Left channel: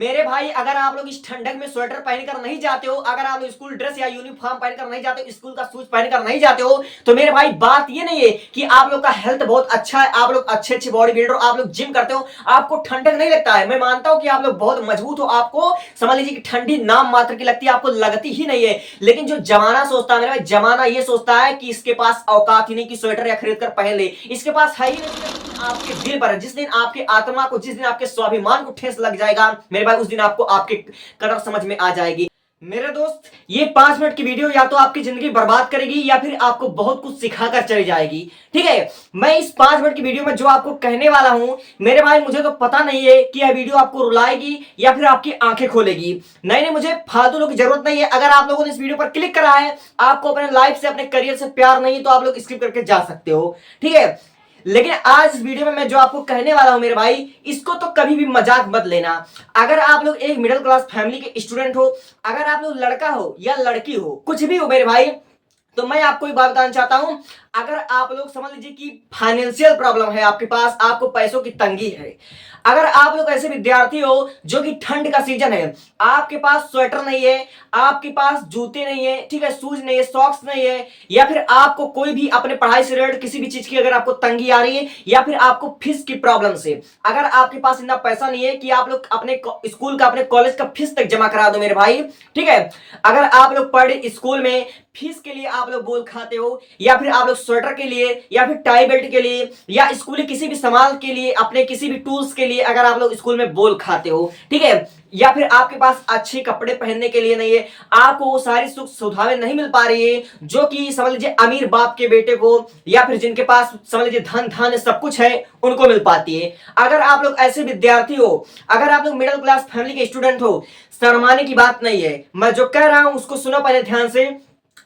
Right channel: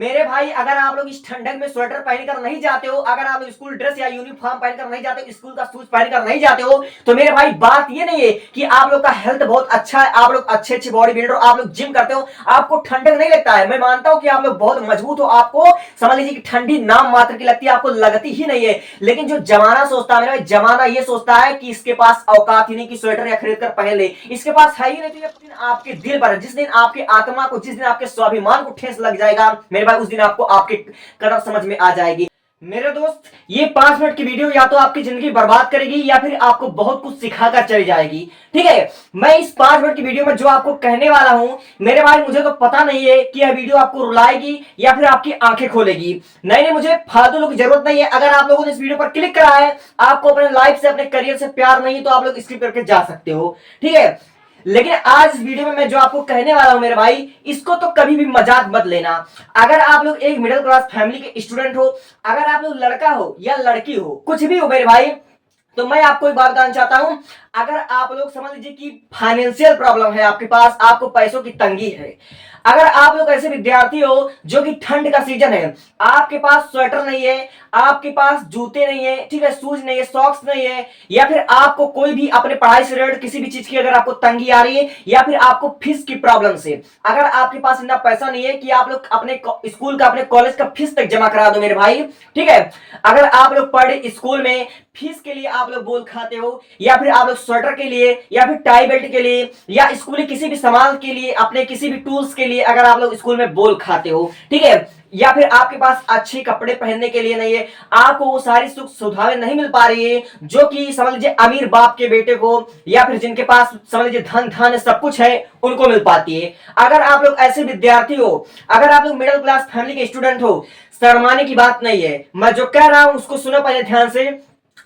मेरे भाई अगर आप लोग इस ठंडक में स्वेटर पहनकर नहीं जाते हो, अगर आप लोग स्कूल ड्रेस या यूनिफॉर्म पहनकर नहीं जाते हो, स्कूल का शूज पहनकर नहीं जाते हो, तो मेरे भाई बात ये नहीं है कि आप लोग का हेल्थ बहुत अच्छा है, आप लोग अच्छे अच्छे बॉडी बिल्डर, आप लोग जिम करते हो, आपको ठंडक नहीं लगता है। मैं मानता हूं कि आप लोग बहुत मजबूत हो, आपको समझ लीजिए कि ठंडी नाम मात्र की लगती है, आपको लगती ही नहीं है। लेकिन जो जमाना सोचता है मेरे भाई, जमाना ये सोचता है कि इसके पास औकात ही नहीं कि स्वेटर या खरीद कर पहन ले, इसके पास है ही नहीं। आपके दिल पर, जिस दिन आपकी आत्मा को, जिस दिन आपके स्वाभिमान को ठेस लग जाएगा मेरे भाई, उस दिन आपको आपके कदर समझ में आ जाएगी। मेरे दोस्त, ये 5 मिनट की वीडियो या तो आपकी जिंदगी बर्बाद करेगी या फिर आपको बहुत कुछ सिखाकर चली जाएगी। ठीक है, मैं इस 5 मिनट की वीडियो में जो आपको कहने वाला हूं मेरे भाई, मुझे तो पता नहीं है कि यह वीडियो आपको रुलाएगी या फिर आपकी आंखें खोलेगी। नहीं नहीं, मुझे फालतू लोगों की जरूरत नहीं है। अगर आप लोगों ने इस वीडियो पर क्लिक करा है, आपको अपने लाइफ से, अपने करियर से प्यार नहीं, तो आप लोग स्किप करके जा सकते हो। ठीक है, लेकिन आज इस वीडियो में मैं जो आपको कहने वाला हूं मेरे भाई, इसको तो कभी भी मजाक मत लेना। अगर आप लोग एक मिडिल क्लास फैमिली के स्टूडेंट हो, अगर आप लोग लड़का हो या लड़की हो, कुछ भी हो मेरे भाई, तो मैं आपको एक बात बताना चाहता हूं। अगर आप लोग समझ लीजिए कि फाइनेंशियल प्रॉब्लम है आपके पास, आपको पैसों की तंगी है, अगर आप लोग ऐसे विद्यार्थी हो जो कि ठंड का सीजन है, आपके पास स्वेटर नहीं है, आपके पास जूते नहीं है, ठीक है, शूज नहीं है, सॉक्स नहीं है, या फिर आपको कोई भी अपने पढ़ाई से रिलेटेड किसी भी चीज की अगर आपको तंगी आ रही है, या फिर आपको फीस की प्रॉब्लम से अगर आपके पास इतना पैसा नहीं है कि आप लोग अपने स्कूल का, अपने कॉलेज का फीस तक जमा करा दो मेरे भाई। ठीक है, अगर आप लोग पढ़े स्कूल में फीस के लिए आप लोग बोल खाते हो, या फिर आप लोग स्वेटर के लिए, या फिर टाई बेल्ट के लिए, या स्कूली किसी भी सामान के लिए, अपने किसी भी टूल्स के लिए अगर आप लोग स्कूल में बोल खाते हो, ठीक है, या फिर आपके पास अच्छे कपड़े पहनने के लिए नहीं है, आपको वो सारी सुख सुविधाएं नहीं मिल पा रही है जो कि समझ लीजिए अमीर बाप के बेटे को, या फिर जिनके पास समझ लीजिए धन धन सब कुछ है, उनको मिल पाती है। अगर आप लोग ऐसे विद्यार्थी हो, अगर आप लोग मिडिल क्लास फैमिली के स्टूडेंट हो, शर्माने की बात नहीं है। मैं जो कह रहा हूं उसको सुनो पहले ध्यान से।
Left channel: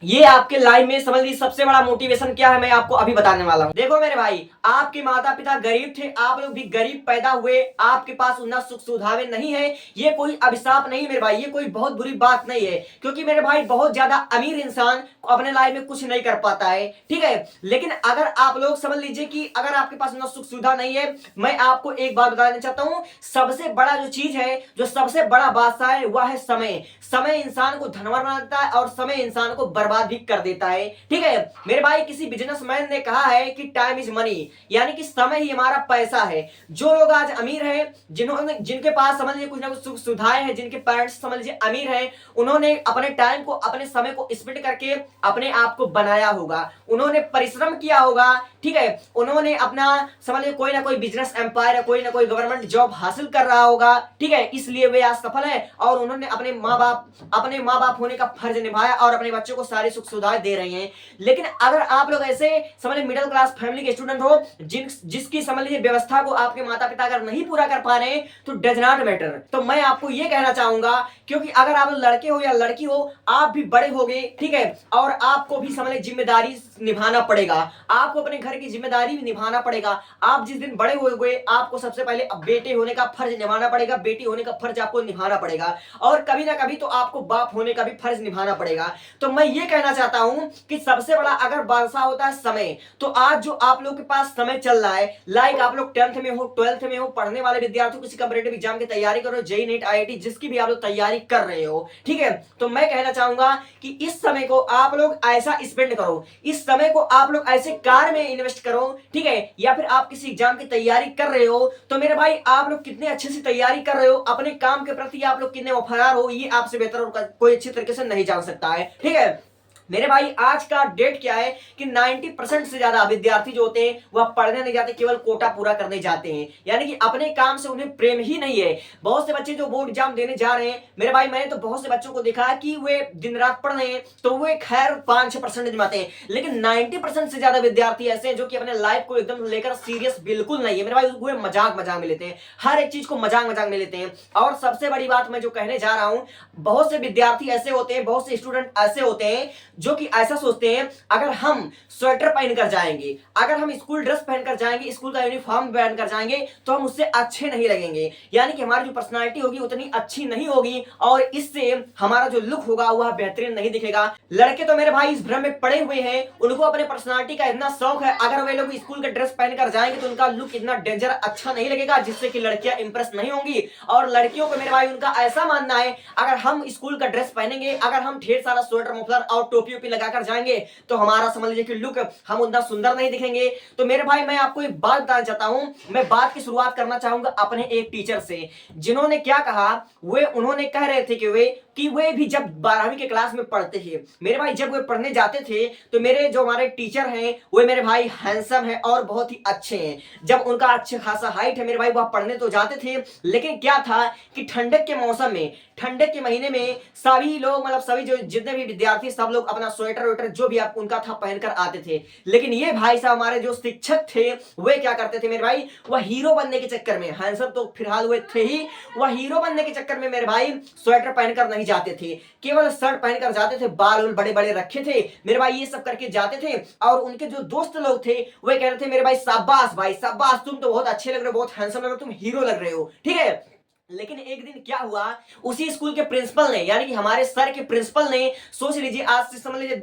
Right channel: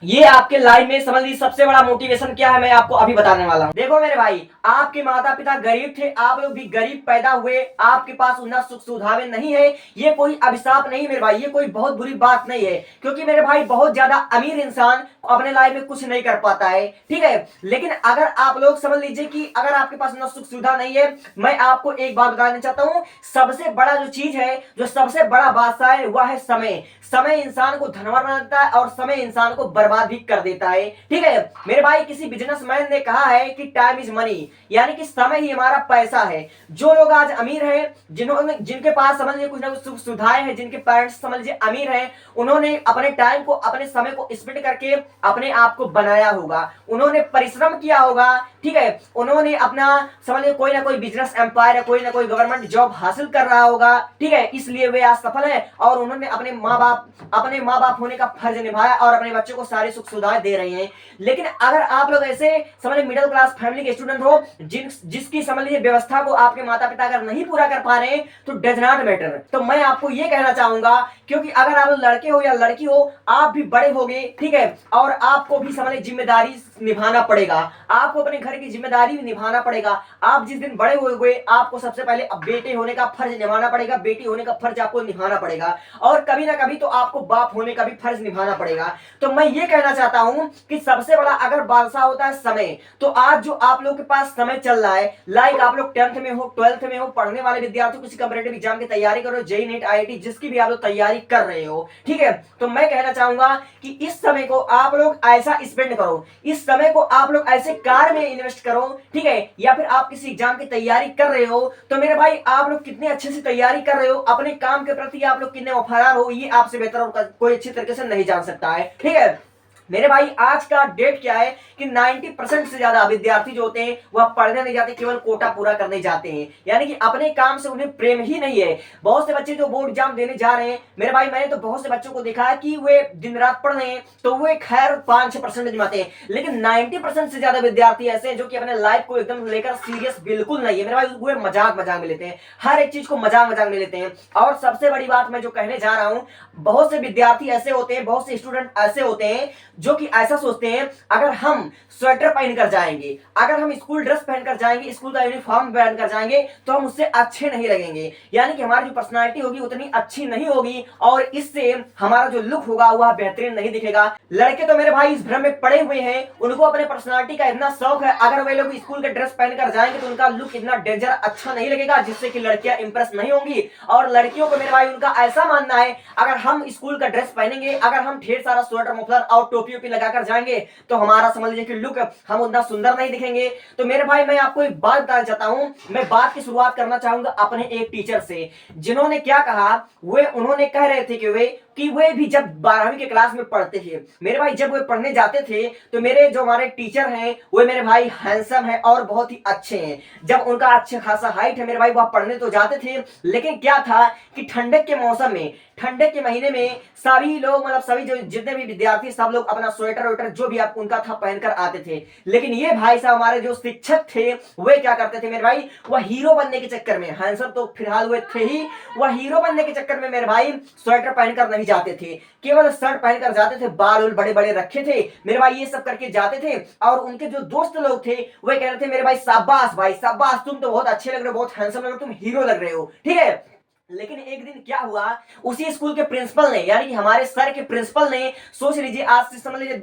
ये आपके लाइफ में समझ लीजिए सबसे बड़ा मोटिवेशन क्या है, मैं आपको अभी बताने वाला हूं। देखो मेरे भाई, आपके माता पिता गरीब थे, आप लोग भी गरीब पैदा हुए, आपके पास उतना सुख सुविधाएं नहीं है, ये कोई अभिशाप नहीं मेरे भाई, ये कोई बहुत बुरी बात नहीं है, क्योंकि मेरे भाई बहुत ज्यादा अमीर इंसान अपने लाइफ में कुछ नहीं कर पाता है। ठीक है, लेकिन अगर आप लोग समझ लीजिए कि अगर आपके पास उतना सुख सुविधा नहीं है, मैं आपको एक बात बताना चाहता हूं, सबसे बड़ा जो चीज है, जो सबसे बड़ा बादशाह है, वह है समय। समय इंसान को धनवान बनाता है और समय इंसान को बर्बाद भी कर देता है। ठीक है मेरे भाई, किसी बिजनेसमैन ने कहा है कि टाइम इज मनी, यानी कि समय ही हमारा पैसा है। जो लोग आज अमीर हैं, जिन्होंने, जिनके पास समझ लीजिए कुछ ना कुछ सुख सुविधाएं हैं, जिनके पेरेंट्स समझ लीजिए अमीर हैं, उन्होंने अपने टाइम को, अपने समय को स्पेंड करके अपने आप को बनाया होगा, उन्होंने परिश्रम किया होगा। ठीक है, उन्होंने अपना समझ लीजिए कोई ना कोई बिजनेस एम्पायर या कोई ना कोई गवर्नमेंट जॉब हासिल कर रहा होगा। ठीक है, इसलिए वे आज सफल है और उन्होंने अपने माँ बाप होने का फर्ज निभाया और अपने बच्चों को सारी सुख सुविधाएं दे रही हैं। लेकिन अगर आप लोग ऐसे समझ लीजिए मिडिल क्लास फैमिली के स्टूडेंट हो, जिसकी समझ लीजिए व्यवस्था को आपके माता पिता अगर नहीं पूरा कर पा रहे हैं, तो डज नॉट मैटर। तो मैं आपको ये कहना चाहूंगा, क्योंकि अगर आप लड़के हो या लड़की हो, आप भी बड़े होगे, ठीक है, और आपको भी समझ लीजिए जिम्मेदारी निभाना पड़ेगा, आपको अपने घर की जिम्मेदारी भी निभाना पड़ेगा। आप जिस दिन बड़े हो गए, आपको सबसे पहले अब बेटे होने का फर्ज निभाना पड़ेगा, बेटी होने का फर्ज आपको निभाना पड़ेगा, और कभी ना कभी तो आपको बाप होने का भी फर्ज निभाना पड़ेगा। तो मैं ये कहना चाहता हूं कि सबसे बड़ा अगर बादशाह होता है समय, तो आज जो आप लोग के पास समय चल रहा है, लाइक आप लोग 10th में हो, 12th में हो, पढ़ने वाले विद्यार्थी, किसी कॉम्पिटिटिव एग्जाम की तैयारी करो, जेई नीट आईआईटी जिसकी भी आप लोग तैयारी कर रहे हो, ठीक है, तो मैं कहना चाहूंगा कि इस समय को आप लोग ऐसा स्पेंड करो, इस समय को आप लोग ऐसे कार में इन्वेस्ट करो। ठीक है, या फिर आप किसी एग्जाम की तैयारी कर रहे हो, तो मेरे भाई आप लोग कितने अच्छे से तैयारी कर रहे हो, अपने काम के प्रति आप लोग कितने वफादार हो, ये आपसे बेहतर और कोई अच्छी तरीके से नहीं जान सकता है। ठीक है मेरे भाई, आज का डेट क्या है कि 90% से ज्यादा विद्यार्थी जो होते हैं वह पढ़ने नहीं जाते, केवल कोटा पूरा करने जाते हैं, यानी कि अपने काम से उन्हें प्रेम ही नहीं है। बहुत से बच्चे जो बोर्ड एग्जाम देने जा रहे हैं मेरे भाई, मैंने तो बहुत से बच्चों को देखा है कि वे दिन रात पढ़ रहे हैं, तो वे खैर 5-6% जमाते हैं, लेकिन 90% से ज्यादा विद्यार्थी ऐसे हैं जो कि अपने लाइफ को एकदम लेकर सीरियस बिल्कुल नहीं है मेरे भाई, वे मजाक मजाक में लेते हैं, हर एक चीज को मजाक मजाक में लेते हैं। और सबसे बड़ी बात मैं जो कहने जा रहा हूं, बहुत से विद्यार्थी ऐसे होते हैं, बहुत से स्टूडेंट ऐसे होते हैं जो कि ऐसा सोचते हैं अगर हम स्वेटर पहनकर जाएंगे, अगर हम स्कूल ड्रेस पहनकर जाएंगे, स्कूल का यूनिफॉर्म पहनकर जाएंगे तो हम उससे अच्छे नहीं लगेंगे, यानी कि हमारी जो पर्सनालिटी होगी उतनी अच्छी नहीं होगी और इससे हमारा जो लुक होगा वह बेहतरीन नहीं दिखेगा। लड़के तो मेरे भाई इस भ्रम में पड़े हुए हैं, उनको अपने पर्सनालिटी का इतना शौक है, अगर वे लोग स्कूल का ड्रेस पहनकर जाएंगे तो उनका लुक इतना डेंजर अच्छा नहीं लगेगा जिससे कि लड़कियां इंप्रेस नहीं होंगी। और लड़कियों को मेरे भाई उनका ऐसा मानना है अगर हम स्कूल का ड्रेस पहनेंगे, अगर हम ढेर सारा स्वेटर मफलर और टोपी ओपी लगाकर जाएंगे तो हमारा समझ लीजिए कि लुक हम उतना सुंदर नहीं दिखेंगे। तो मेरे भाई मैं आपको एक बात बताना चाहता हूं, मैं बात की शुरुआत करना चाहूंगा अपने एक टीचर से, जिन्होंने क्या कहा, वे उन्होंने कह रहे थे कि वे भी जब 12वीं के क्लास में पढ़ते थे मेरे भाई, जब वे पढ़ने जाते थे तो मेरे जो हमारे टीचर हैं वे मेरे भाई हैंडसम है और बहुत ही अच्छे हैं। जब उनका अच्छे खासा हाइट है मेरे भाई, वह पढ़ने तो जाते थे, लेकिन क्या था कि ठंडक के मौसम में, ठंडक के महीने में सभी लोग मतलब सभी जो जितने भी विद्यार्थी सब लोग अपना स्वेटर वेटर जो भी आप उनका था पहनकर आते थे। लेकिन ये भाई साहब हमारे जो शिक्षक थे वे क्या करते थे मेरे भाई, वह हीरो बनने के चक्कर में, हैंडसम तो फिलहाल वे थे ही, वह हीरो बनने के चक्कर में मेरे भाई स्वेटर पहनकर नहीं जाते थे, केवल शर्ट पहनकर जाते थे, बाल बड़े बड़े रखे थे मेरे भाई, ये सब करके जाते थे। और उनके जो दोस्त लोग थे वे कह रहे थे मेरे भाई शाबाश तुम तो बहुत अच्छे लग रहे हो, बहुत हैंडसम लग रहे हो, तुम हीरो लग रहे हो, ठीक है। लेकिन एक दिन क्या हुआ, उसी स्कूल के प्रिंसिपल ने, यानी कि हमारे सर के प्रिंसिपल ने, सोच लीजिए आज से समझ लीजिए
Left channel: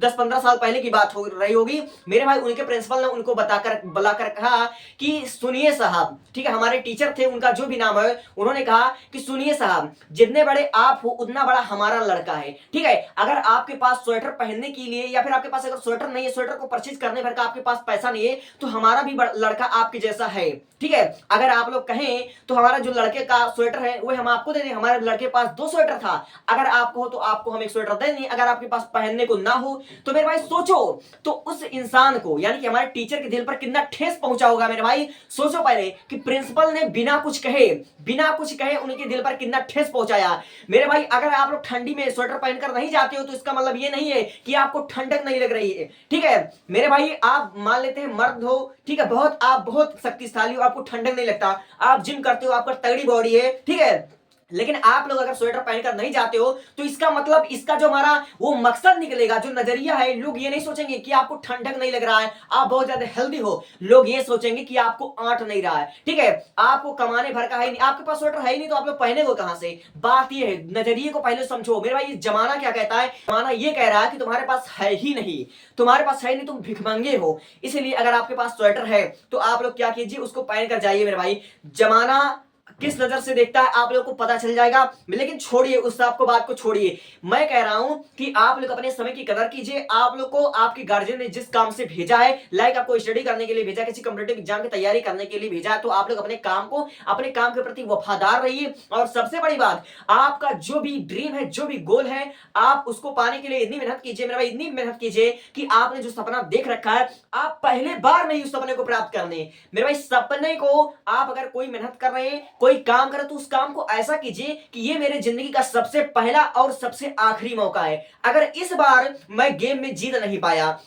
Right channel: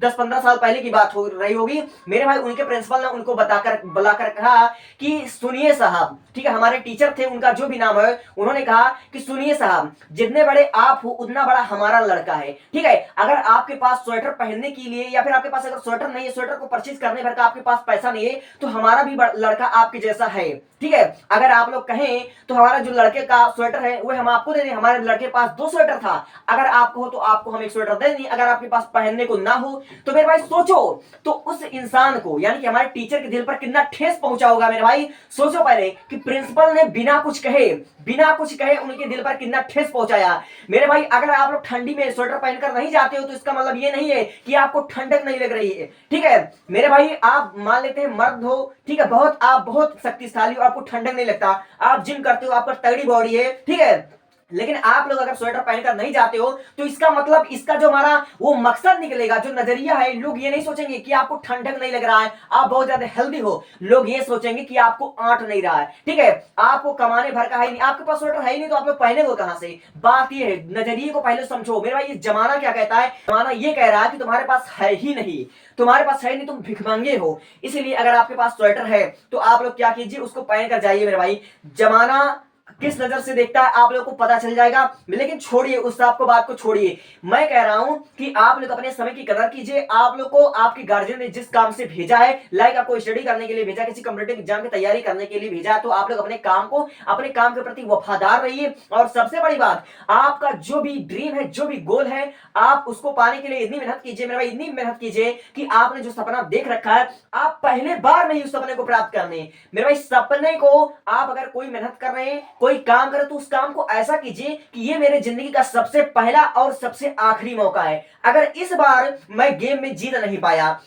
10-15 साल पहले की बात हो रही होगी मेरे भाई, उनके प्रिंसिपल ने उनको बताकर बुलाकर कहा कि सुनिए साहब, ठीक है, हमारे टीचर थे उनका जो भी नाम है, उन्होंने कहा कि सुनिए साहब, जितने बड़े आप हो उतना बड़ा हमारा लड़का है, ठीक है। अगर आपके पास स्वेटर पहनने के लिए या फिर आपके पास अगर स्वेटर नहीं है, स्वेटर को परचेज करने भर का आपके पास पैसा नहीं है, तो हमारा भी लड़का आपके जैसा है, ठीक है। अगर आप लोग कहें तो हमारा जो लड़के का स्वेटर है वो हम आपको दे दें, हमारे लड़के के पास 2 स्वेटर था, अगर आपको हो तो आपको हम 1 स्वेटर दे दें, अगर आपके पास पहनने को ना हो तो मेरे भाई सोचो, तो उस इंसान को यानी कि हमारे टीचर के दिल पर कितना ठेस पहुंचा होगा मेरे भाई। सोचो पहले कि प्रिंसिपल ने बिना कुछ कहे उनके दिल पर कितना ठेस पहुंचाया मेरे भाई। अगर आप लोग ठंडी में स्वेटर पहनकर नहीं जाते हो तो इसका मतलब ये नहीं है कि आपको ठंडक नहीं लग रही है, ठीक है मेरे भाई। आप मान लेते हैं मर्द हो, ठीक है, आप बहुत शक्तिशाली हो, आपको ठंडक नहीं लगता, आप जिम करते हो, आपका तगड़ी बॉडी है, ठीक है, लेकिन आप लोग अगर स्वेटर पहनकर नहीं जाते हो तो इसका मतलब, इसका जो हमारा वो मकसद निकलेगा, जो नजरिया है, लोग ये नहीं सोचेंगे कि आपको ठंडक नहीं लग रहा है, आप बहुत ज्यादा हेल्दी हो, लोग ये सोचेंगे कि आपको आंट नहीं रहा है, ठीक है, आपको कमाने भर का है नहीं, आपके पास स्वेटर है ही नहीं तो आप लोग पहने वो कहां से। बात ये है, नजरिए को पहले समझो मेरे भाई। ये जमाना क्या कहता है, जमाना ये कह रहा है कि तुम्हारे पास है ही नहीं, तुम्हारे पास है नहीं, तुम भिखमंगे हो, इसलिए अगर आपके पास स्वेटर है तो आप लोग क्या कीजिए, उसको पहन कर जाइए मेरे भाई। जमाना किस नजर से देखता है आप लोगों को पता चल जाएगा। लेकिन छोड़िए उस आपको बात को छोड़िए, मैं कह रहा हूं कि आप लोग अपने समय की कदर कीजिए। आप लोग को आपके गार्जियन ने जिस काम से भेजा है, लाइक आपको स्टडी करने के लिए भेजा, किसी कॉम्पिटिटिव एग्जाम की तैयारी करने के लिए भेजा है, तो आप लोग अपने काम को, अपने काम के प्रति वफादार रहिए। और सबसे बड़ी बात, आपका जो भी ड्रीम है, जो भी गोल है, आप उसको पाने के लिए इतनी मेहनत कीजिए मेरे भाई, इतनी मेहनत कीजिए कि आपने जो सपना देख रखा है आप पहले बार में ही उस सपने को प्राप्त करने मेरे भाई। सपने को आप अगर कोई मेहनत कर रहे हैं, कोई काम करे तो उस काम को ऐसा कीजिए कि ये मेरे जिंदगी का सबसे पहला और सबसे आखिरी मौका है। अगर इस बार मैं गेम में जीत नहीं पाया,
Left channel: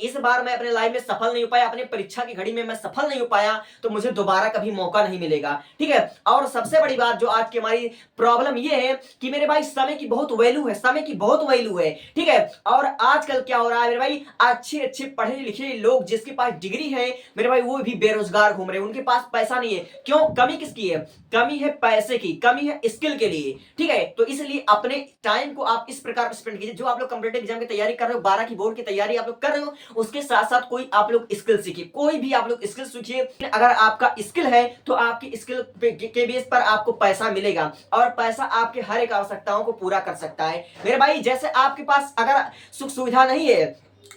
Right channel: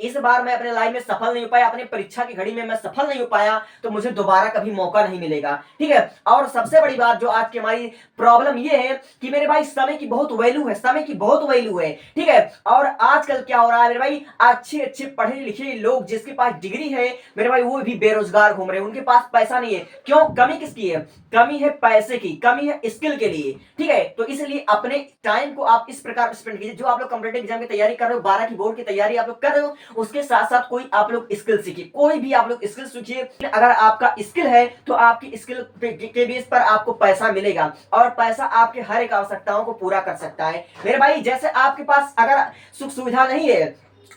इस बार मैं अपने लाइफ में सफल नहीं हो पाया, अपने परीक्षा की घड़ी में मैं सफल नहीं हो पाया, तो मुझे दोबारा कभी मौका नहीं मिलेगा, ठीक है। और सबसे बड़ी बात जो आज की हमारी प्रॉब्लम ये है कि मेरे भाई समय की बहुत वैल्यू है, समय की बहुत वैल्यू है, ठीक है। और आजकल क्या हो रहा है मेरे भाई, अच्छे अच्छे पढ़े लिखे लोग जिसके पास डिग्री है मेरे भाई, वो भी बेरोजगार घूम रहे हैं, उनके पास पैसा नहीं है। क्यों? कमी किसकी है? कमी है पैसे की, कमी है स्किल के लिए, ठीक है। तो इसलिए अपने टाइम को आप इस प्रकार स्पेंड कीजिए। जो आप लोग कॉम्पिटिटिव एग्जाम की तैयारी कर रहे हो, 12 की बोर्ड की तैयारी आप लोग कर रहे हो, उसके साथ साथ कोई आप लोग स्किल सीखिए, कोई भी आप लोग स्किल सीखिए। अगर आपका स्किल है तो आपकी स्किल के बेस पर आपको पैसा मिलेगा और पैसा आपके हर एक आवश्यकताओं को पूरा कर सकता है मेरे भाई। जैसे आपके पास अगर सुख सुविधा नहीं है,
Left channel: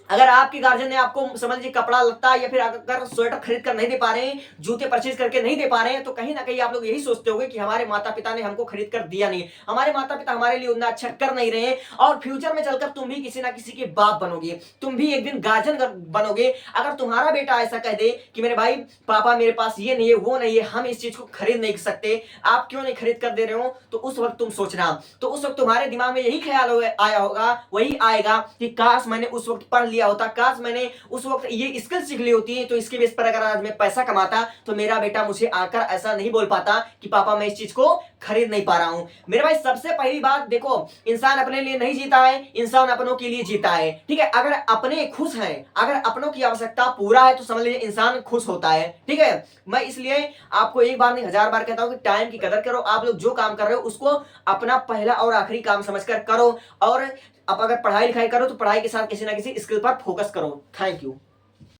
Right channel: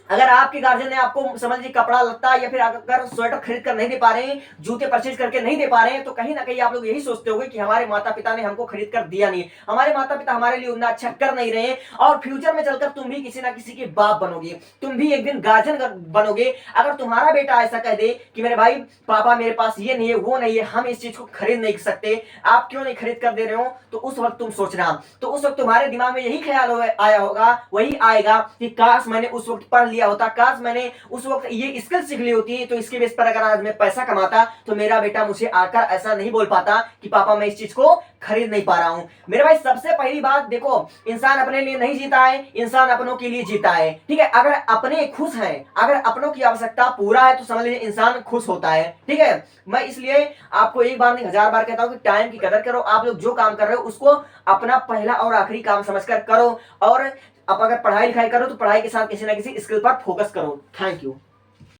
अगर आपके गार्जियन ने आपको समझ लीजिए कपड़ा लत्ता या फिर अगर स्वेटर खरीद कर नहीं दे पा रहे हैं, जूते परचेज करके नहीं दे पा रहे हैं, तो कहीं ना कहीं आप लोग यही सोचते होंगे कि हमारे माता पिता ने हमको खरीद कर दिया नहीं, हमारे माता पिता हमारे लिए उतना अच्छा कर नहीं रहे हैं। और फ्यूचर में चलकर तुम भी किसी ना किसी के बाप बनोगे, तुम भी एक दिन गार्जियन बनोगे। अगर तुम्हारा बेटा ऐसा कह दे कि मेरे भाई पापा मेरे पास ये नहीं है, वो नहीं है, हम इस चीज को खरीद नहीं सकते, आप क्यों नहीं खरीद कर दे रहे हो, तो उस वक्त तुम सोचना, तो उस वक्त तुम्हारे दिमाग में यही ख्याल आया होगा, वही आएगा कि काश मैंने उस वक्त पढ़ लिया होता, काश मैंने उस वक्त ये स्किल सीख ली होती, तो इसके बेस पर अगर आज मैं पैसा कमाता तो मेरा बेटा मुझे आकर ऐसा नहीं बोल पाता कि पापा मैं इस चीज को खरीद नहीं पा रहा हूं। मेरे भाई सबसे पहली बात देखो, इंसान अपने लिए नहीं जीता है, इंसान अपनों के लिए जीता है। ठीक है, अगर अपने खुश हैं, अगर अपनों की आवश्यकता पूरा है तो समझ लीजिए इंसान खुश होता है। ठीक है, मैं इसलिए आपको एक बार नहीं 1000 बार कहता हूं कि टाइम की कदर करो। आप लोग जो काम कर रहे हो उसको अपना पहला और आखिरी काम समझकर करो, और आप अगर पढ़ाई लिखाई करो तो पढ़ाई के साथ किसी ना किसी स्किल पर फोकस करो। Thank you.